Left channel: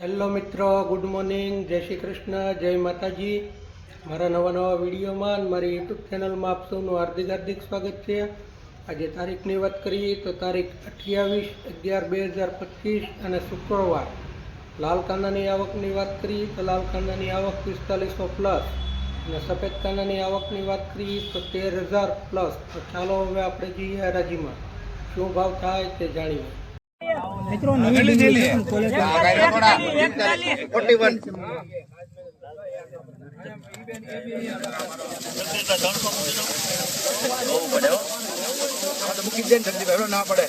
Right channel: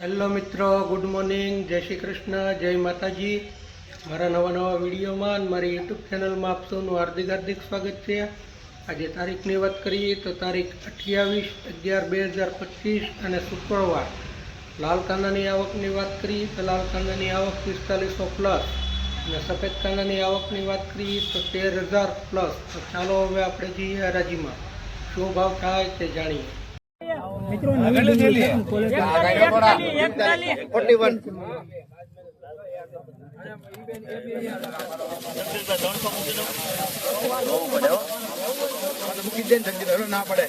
Hello મિત્રો, good morning, જય શ્રી કૃષ્ણ, જય માતાજી. મારા નવા નવા વિડીયોમાં મારી યુટ્યુબ ચેનલમાં આપ હાર્દિક હાર્દિક સ્વાગત છે. આજે તારીખની વાત કરીએ તો તારીખ અઠ્યાવીસ અગિયાર બે હજાર પચીસ અને શુક્રવાર. લાલ કાંદાની આવકની વાત કરીએ તો લાલ કાંદાની આવક પિસ્તાલીસો પ્લસ અને સફેદ કાંદાની આવકની વાત કરીએ તો તેર હજાર પ્લસ. તો ચાલો હવે આપણે જઈએ હરાજીમાં. શું ભાવ થાય તે જાણીએ. મિત્રો નવી કોલેજ મૂકી દે ને જલ્દી. ના પડે.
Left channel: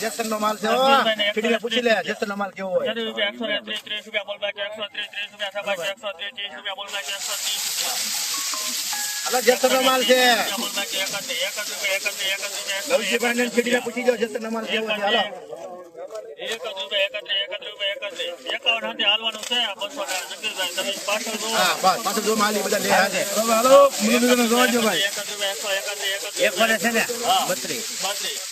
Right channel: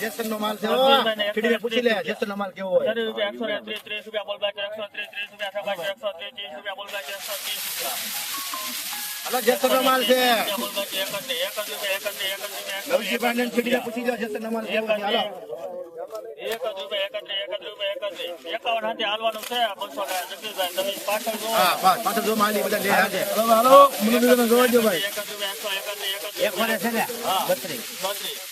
જેસન નો માલ છે. હો. ઠીડીને પૂછી લે. જેસન નો માલ કેવો હોય? હાલો જેસન નો માલ છે. લવજીભાઈ ને ઠીડીને પૂછી લો જેસન નો માલ કેવો છે. હાલો. હા બસ પાછળ જો માલ ઈ બધા લે હાજે. હાલો મુનિબેન જોવા દો ભાઈ. એક મને છે ને? બત્રીસ.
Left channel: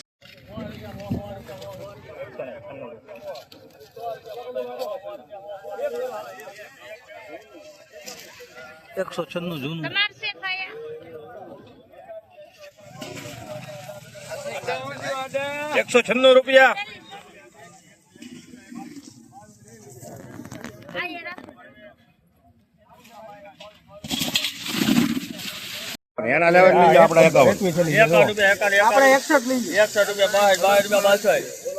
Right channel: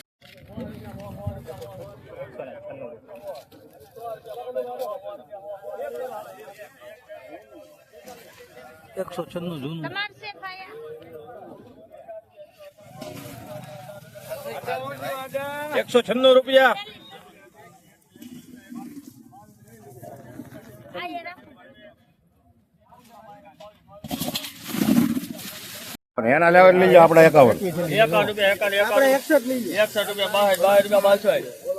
છન્નું જૂનું. એકસો છન્નું રૂપિયા. એના લેવા લઈ જાઓ આપણે એકાવન. આપણે એકસો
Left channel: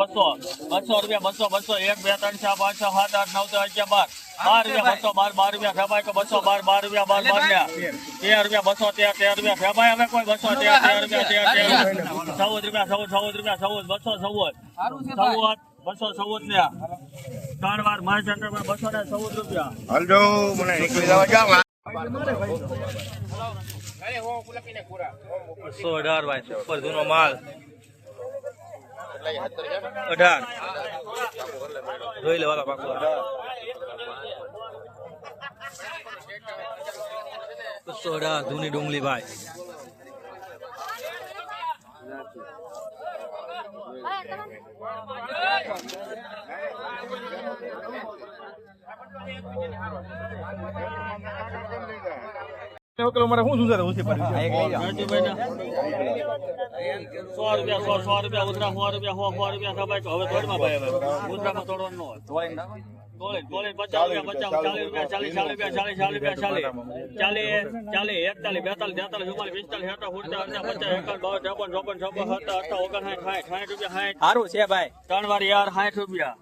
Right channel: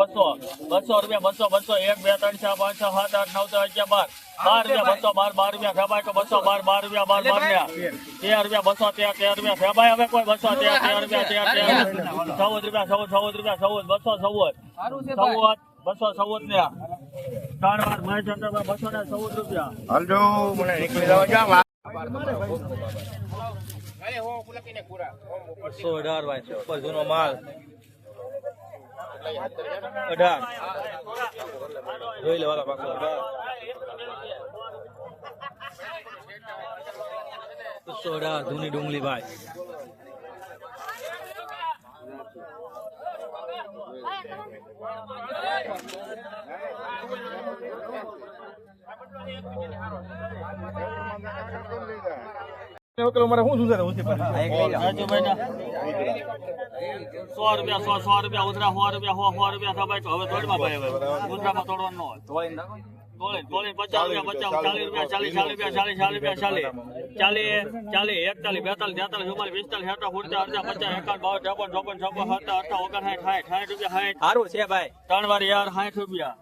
બસો. બસો એક બે ત્રણ ચાર પાંચ છ સાત આઠ નવસો અગિયાર બાર. બાર રૂપિયા બસો બાર બાર રૂપિયા ફેબાય બસો બાર બાર રૂપિયા બાર બાર રૂપિયા. તેર રૂપિયા બસો તેર તેર રૂપિયા. ફેબાય હવે કોઈ બસો તેર તેર રૂપિયા તેર તેર ચૌદ રૂપિયા ચૌદ ચૌદ રૂપિયા ચૌદ બસો ચૌદ. ચૌદ બસો ચૌદ ને ત્રણ વાર માય સેન્ટર બસો ને ચૌદ રૂપિયા હલજો મને નીકળી જવા જાવ બસો અઢાર ભાઈ સુપર જૂનો માલ. અઢાર. જોઈ લેવાલા પાકો. બસો અઢાર જૂની ડુંગળી ભાઈ. મારે શું શું છે સો રૂપિયા સો સો રૂપિયા ઉધરા સો રૂપિયા સો સો રૂપિયા થવાય તો હવે થોડીમાં ભાઈ હવે ઉધરામાં તોડવાનું સારું છે ભાઈ. ત્રણ વાર યાર સાઠ રૂપિયા.